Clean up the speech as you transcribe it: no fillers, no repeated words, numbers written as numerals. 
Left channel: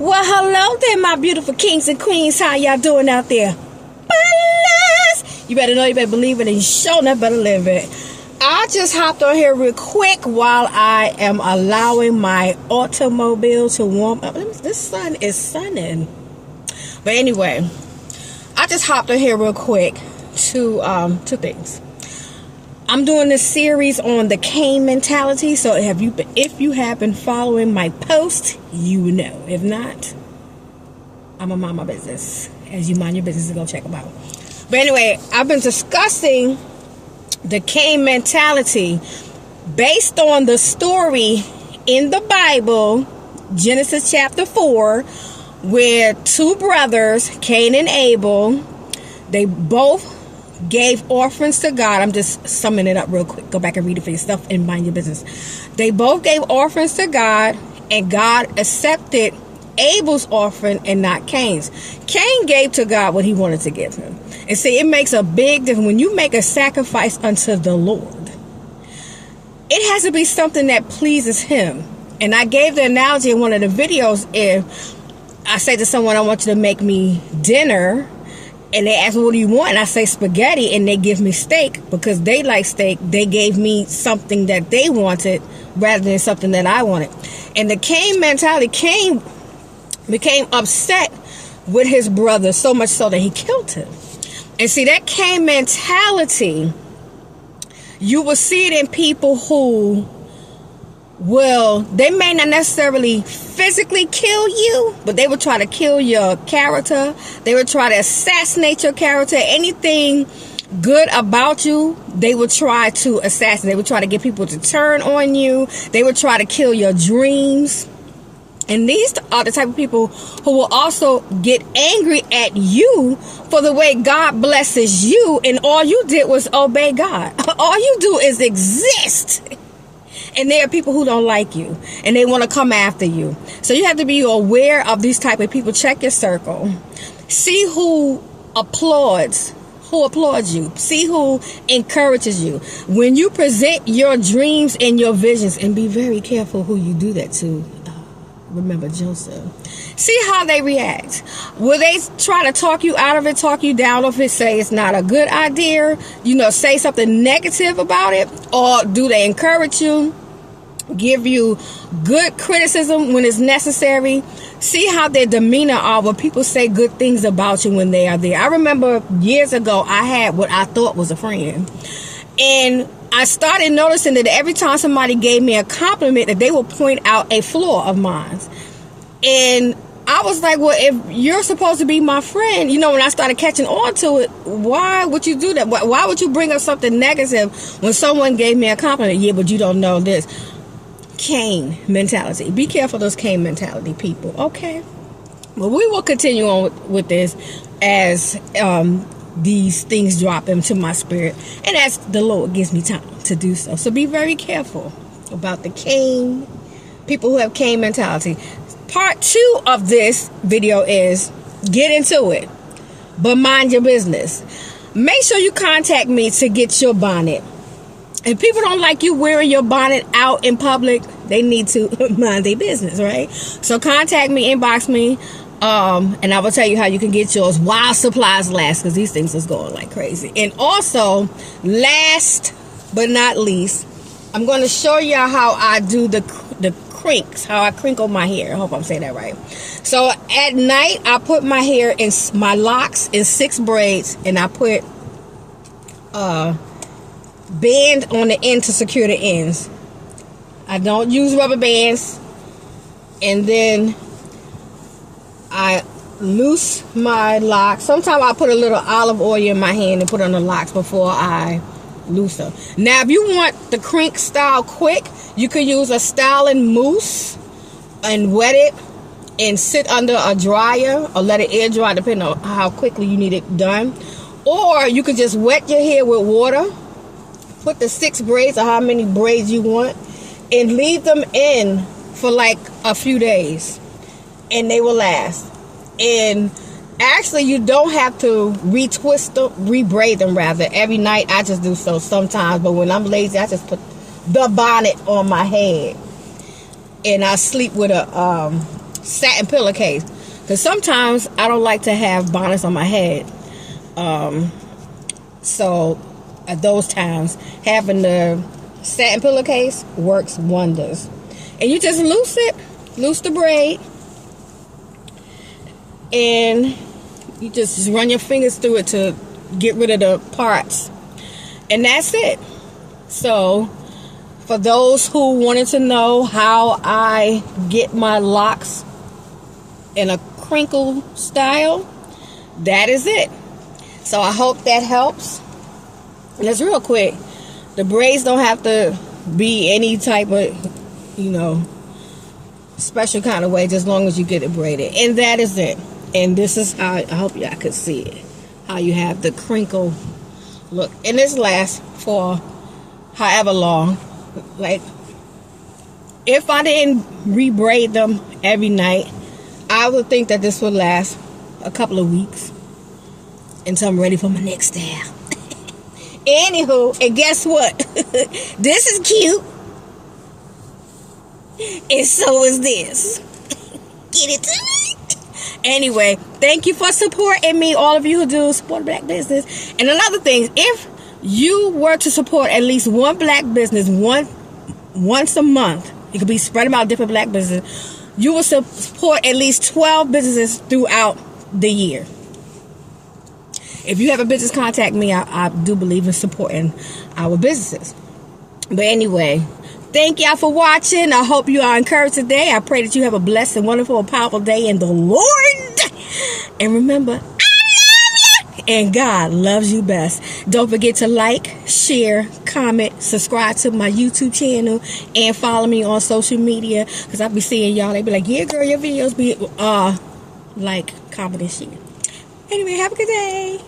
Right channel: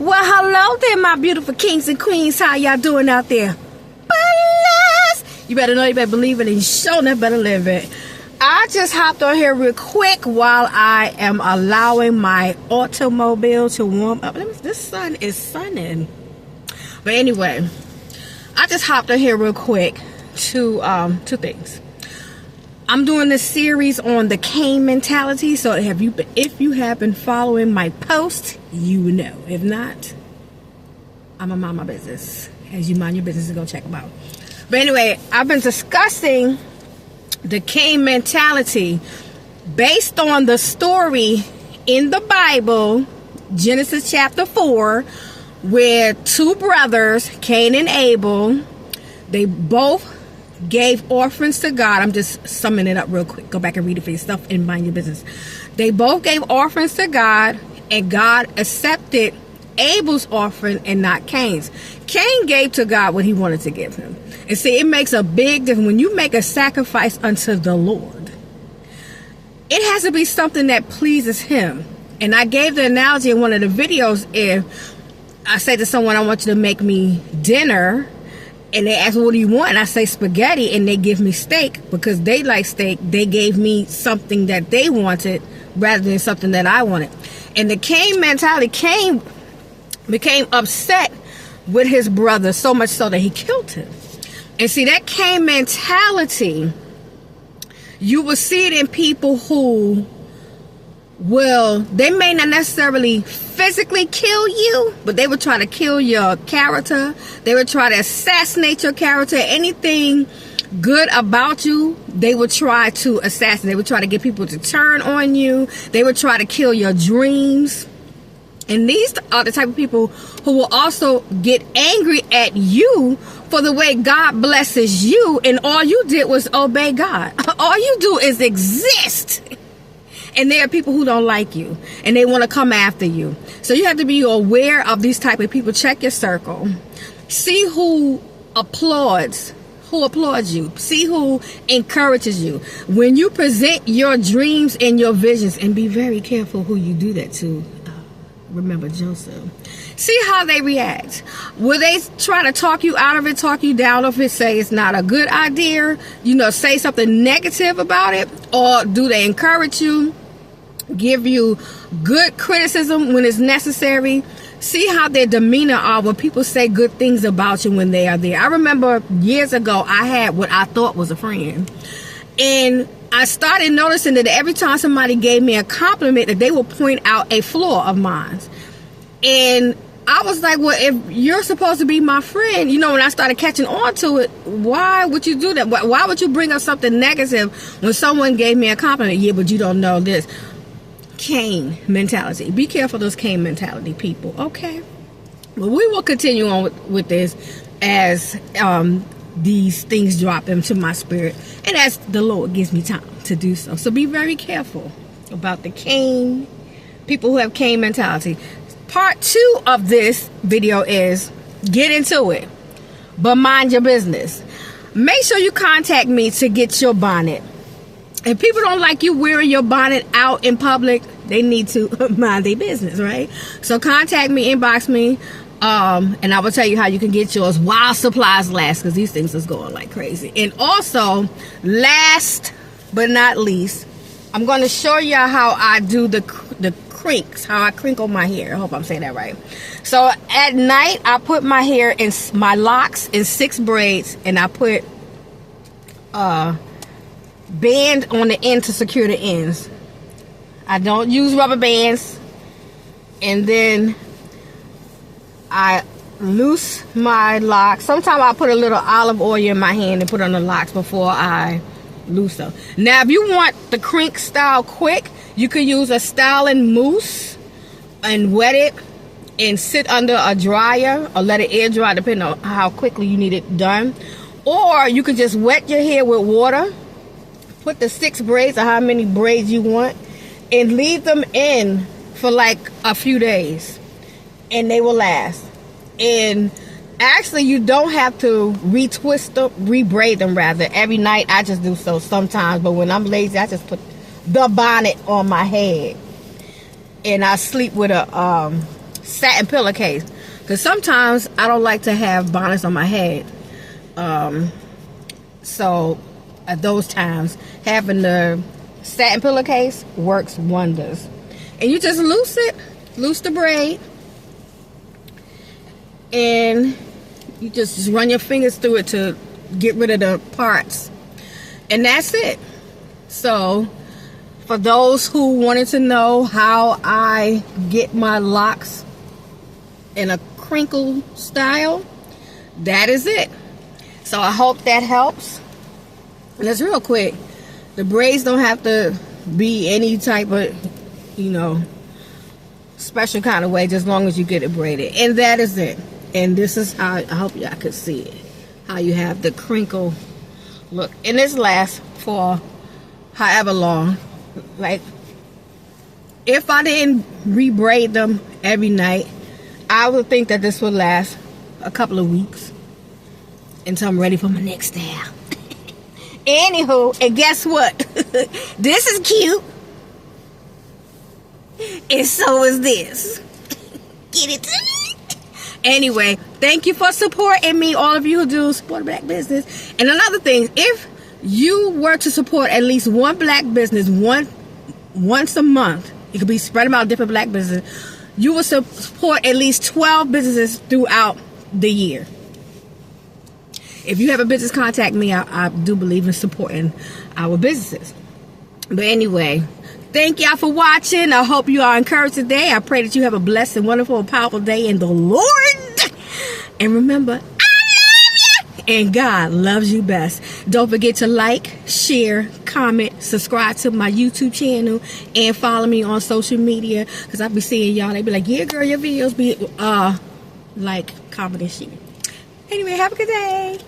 Well, hello there, my beautiful kings and queens. How y'all doing out there? Bless. You better know, you better believe it, and you sure enough better live it. I just hopped on here real quick while I am allowing my automobile to warm up. This sun is sunning. But anyway, I just hopped on here real quick to two things. I'm doing this series on the Cain Mentality. So if you have been following my post, you know. If not, I'm gonna mind my business. As you mind your business, and go check them out. But anyway, I've been discussing the Cain Mentality based on the story in the Bible, Genesis chapter 4, where two brothers, Cain and Abel, they both gave offerings to God. I'm just summing it up real quick. Go back and read it for yourself and mind your business. They both gave offerings to God, and God accepted Abel's offering and not Cain's. Cain gave to God what he wanted to give him. And see, it makes a big difference when you make a sacrifice unto the Lord. It has to be something that pleases him. And I gave the analogy in one of the videos. If I say to someone, I want you to make me dinner, and they ask, what do you want? And I say spaghetti, and they give me steak because they like steak. They gave me something that they wanted rather than something that I wanted. And the Cain mentality, Cain became upset with his brother so much so that he killed him. And see, that Cain mentality, you will see it in people who they may not necessarily physically kill you, but they would try to kill your character. They would try to assassinate your character. Anything good about you, they would try to assassinate. They would try to get people to turn on you. They would try to kill your dreams. And these are the type of people who will also get angry at you for the way God blesses you, and all you did was obey God. All you do is exist. And there are people who don't like you, and they want to come after you. So you have to be aware of these type of people. Check your circle. See who applauds you. See who encourages you. When you present your dreams and your visions, and be very careful who you do that to. Remember Joseph. See how they react. Will they try to talk you out of it, talk you down of it, say it's not a good idea, say something negative about it? Or do they encourage you, give you good criticism when it's necessary? See how their demeanor are when people say good things about you when they are there. I remember years ago, I had what I thought was a friend. And I started noticing that every time somebody gave me a compliment, that they would point out a flaw of mine. And I was like, well, if you're supposed to be my friend, when I started catching on to it, why would you do that? Why would you bring up something negative when someone gave me a compliment? Yeah, but you don't know this. Cain mentality. Be careful of those Cain mentality people, okay? Well, we will continue on with this as these things drop into my spirit, and as the Lord gives me time to do so. So be very careful about the Cain, people who have Cain mentality. Part 2 of this video is get into it, but mind your business. Make sure you contact me to get your bonnet. If people don't like you wearing your bonnet out in public, they need to mind their business, right? So contact me, inbox me. And I will tell you how you can get yours while supplies last, because these things is going like crazy. And also, last but not least, I'm going to show you how I do the crinks, how I crinkle my hair. I hope I'm saying that right. So at night, I put my hair in my locks in 6 braids, and I put band on the end to secure the ends. I don't use rubber bands. And then I loose my locks. Sometimes I put a little olive oil in my hand and put on the locks before I loose them. Now, if you want the crink style quick, you can use a styling mousse and wet it and sit under a dryer or let it air dry, depending on how quickly you need it done. Or you can just wet your hair with water, put the 6 braids or how many braids you want, and leave them in for like a few days, and they will last. And actually, you don't have to retwist them, rebraid them rather. Every night I just do so sometimes, but when I'm lazy, I just put the bonnet on my head, and I sleep with a satin pillowcase, because sometimes I don't like to have bonnets on my head. So at those times, having the satin pillowcase works wonders. And you just loose the braid, and you just run your fingers through it to get rid of the parts, and that's it. So for those who wanted to know how I get my locks in a crinkle style, that is it. So I hope that helps. And it's real quick. The braids don't have to be any type of, special kind of way, just as long as you get it braided. And that is it. And this is how, I hope y'all could see it, how you have the crinkle look. And this lasts for however long. Like, if I didn't re-braid them every night, I would think that this would last a couple of weeks until I'm ready for my next style. Anywho, and guess what? This is cute. And so is this. Get it to me? Anyway, thank you for supporting me, all of you who do support black business. And another thing, if you were to support at least one black business once a month, it could be spread about different black businesses, you will support at least 12 businesses throughout the year. If you have a business, contact me. I do believe in supporting our businesses. But anyway, thank y'all for watching. I hope you are encouraged today. I pray that you have a blessed and wonderful and powerful day in the Lord. And remember, I love you. And God loves you best. Don't forget to like, share, comment, subscribe to my YouTube channel, and follow me on social media. Because I'll be seeing y'all. They be like, yeah, girl, your videos be like, comment, and share. Anyway, have a good day.